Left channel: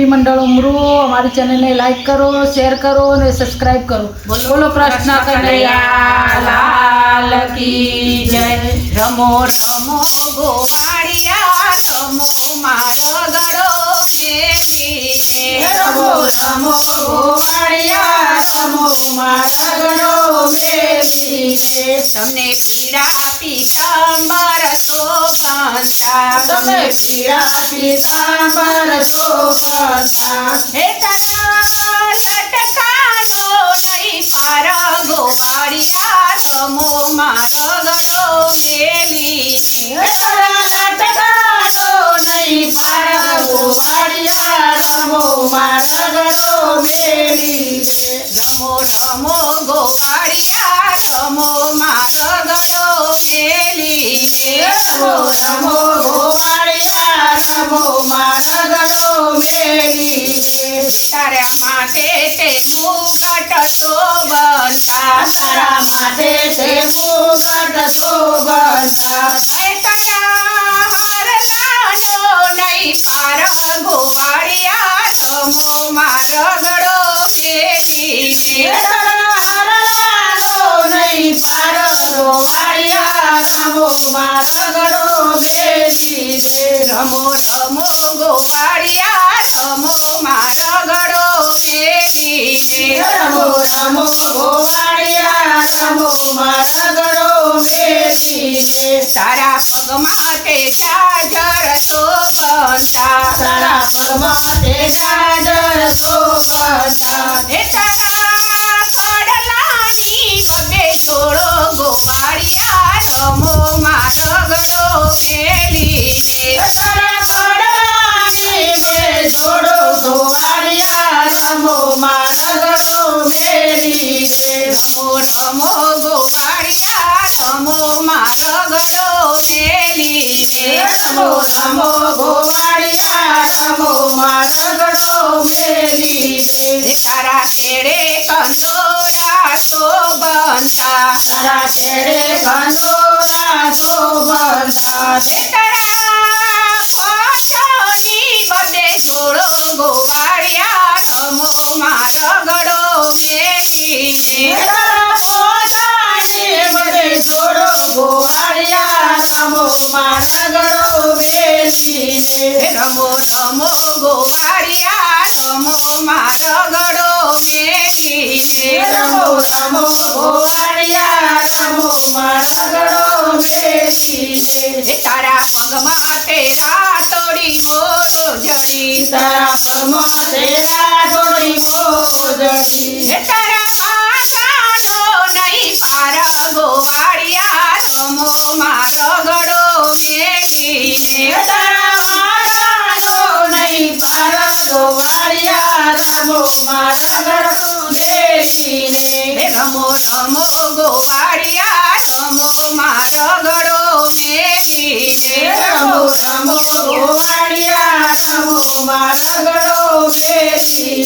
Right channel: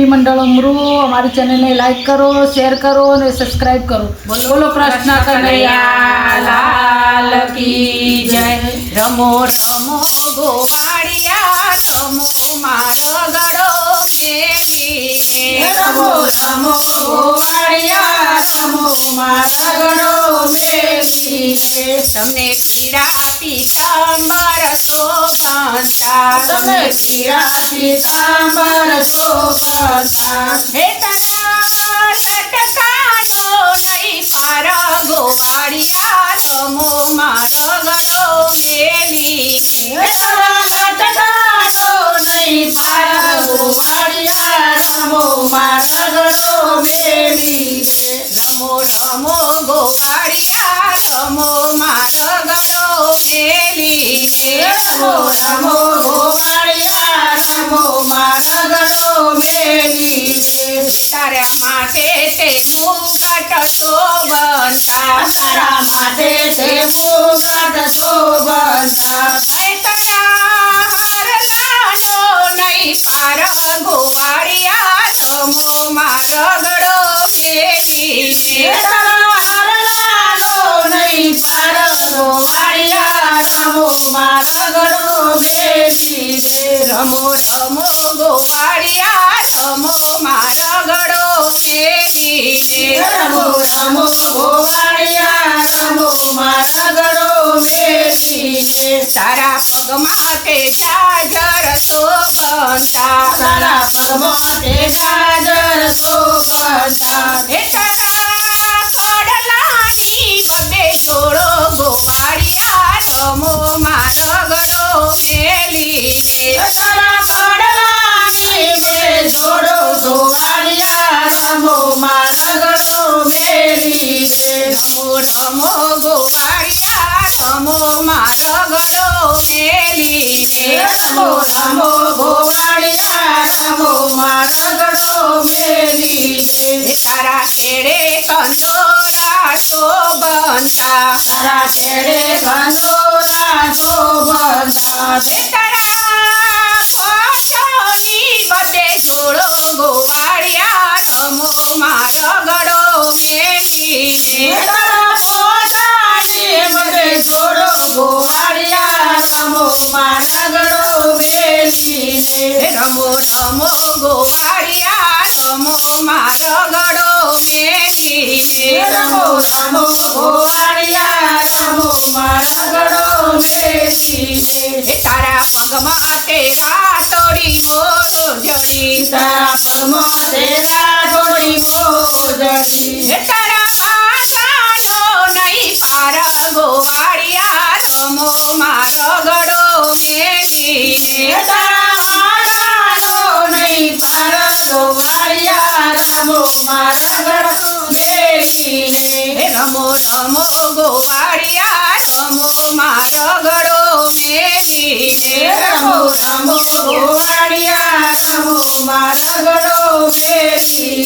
मंडल उमरू हमारी चैनल ने लाइक करो, शेयर करो और सब्सक्राइब करो। बोलो कृष्ण कन्हैया लाल की जय। रमो रमो गोवाड़िया रमो मारो गड़ो मेली रमो रमो गोवाड़िया रमो मारा गड़ो मेली तमने पीड़ा पीतांबर शोभंता तमने पीड़ा पीतांबर शोभंता हे तारा लटकानो नहीं पार गोवाड़िया रमो मारो गड़ो मेली तारा लटकानो नहीं पार गोवाड़िया रमो मारा गड़ो मेली रमो रमो गोवाड़िया रमो मारो गड़ो मेली रमो रमो गोवाड़िया रमो मारा गड़ो मेली तारा माथे ते मुगट शोभंता तारा माथे से मुगट शोभंता है तारा हर लानो नहीं पार गोवाड़िया रमो मारो गड़ो मेली तारा हर लालो नहीं पार गोवाड़िया रमो मारा गड़ो मेली रमो रमो गोवाड़िया रमो मारो गड़ो मेली रमो रमो गोवाड़िया रमो मारा गड़ो मेली तारा पगमा ते गाजर शोभंता तारा पगमाते गाजर शोभंता हे तारा कडलानी बदे जोड़ो गोवाड़िया रमो मारो गड़ो मेली तारा कडलानी बदे जोड़ो गोवाड़िया रमो मारा गड़ो मेली रमो रमो गोवाड़िया रमो मारो गड़ो मेली रमो रमो गोवाड़िया रमो मारा गड़ो मेली तारा तेरे कंदोरा शोभंता तारा तेरे कंदोरा शोभंता तारा कोठोनी बदे जोड़ो गोवाड़िया रमो मारो गड़ो मेली तारा पोतानी बदे जोड़ो गोवाड़िया रमो मारा गड़ो मेली रमो रमो गोवाड़िया रमो मारो गड़ो मेली रमो रमो गोवाड़िया रमो मारा गड़ो मेली तारा पगमा तेरा तोड़ी मोरो जड़ी तारा पगमा तेरा थोड़ी मोजड़ी तारा बागानो नहीं पार गोवाड़िया रमो मारो गड़ो मेली तारा मागानो नहीं पार गोवाड़िया रमो मारा गड़ो मेली रमो रमो गोवाड़िया रमो मारो गड़ो मेली रमो रमो गोवाड़िया रमो मारा गड़ो मेली।